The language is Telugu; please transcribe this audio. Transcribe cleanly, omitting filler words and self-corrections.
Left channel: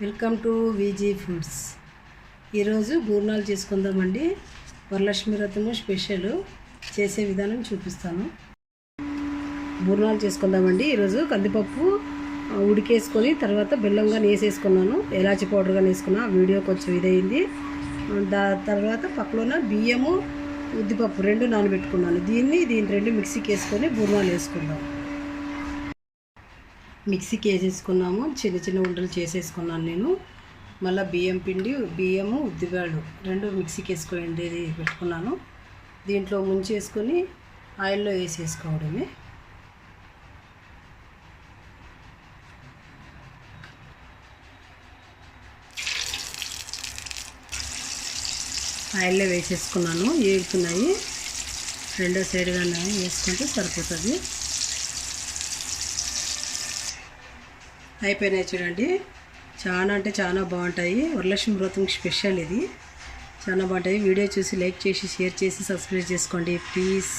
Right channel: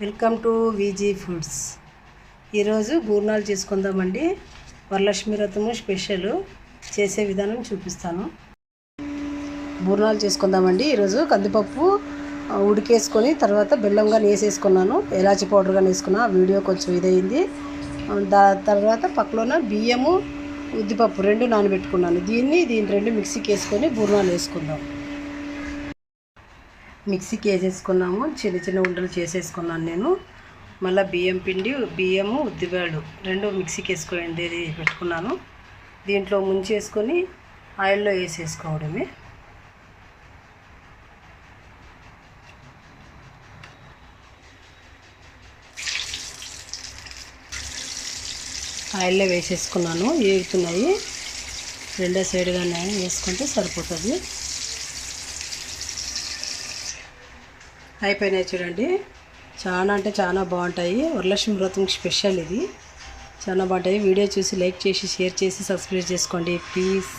Welcome to విజీ foods. ఈరోజు బూర్నాలు చేసుకుందామండి. వరలక్ష్మి వ్రతము స్పెషల్ చేసే విధానం చూపిస్తాను. బూర్నాలు చేసుకుందామండి. ఈరోజు కందిపప్పు ఉడికేసుకొని తర్వాత బెల్లంగా వేసేసుకున్నాను, ఎలాచి పౌడర్గా వేసుకున్నా. వీడియో కొంచెం ఇదైంది. తర్వాత పక్కలోన బియ్యము ఉద్దిపప్పు రెండు నానబెట్టుకున్నాను. దీన్ని రెండు మిక్సీకి వేసుకొని బూర్నాలు వేసుకుందాం. మిక్సీకి వేసేసుకున్నాము, చిన్న చిన్న ఉండలు చేసేసుకున్నాను నేను. మళ్ళీ బియ్యం పిండి, బియ్యము, ఉద్దిపాడు రెండు మిక్సీకి వేసుకోండి పెట్టుకున్నాను. దీంట్లో ముంచేసుకొని ఆయిల్లో వేసేసుకోవడమే. ఆయిల్లో వేసేసుకున్నాను, ఏగుతున్నాయి. రెండో సైడ్గానే వేసుకుంటే సరిపోతుంది. అయిపోయినాయి చూడండి. చాలా అంటే చాలా బాగుంటాయి. వరలక్ష్మి వ్రతం స్పెషల్ ఇది. చాలా బాగుంటాయి. వీడియో చూసి లైక్ చేసి, షేర్ చేసి, సబ్స్క్రైబ్ చేసుకోండి ప్లీజ్.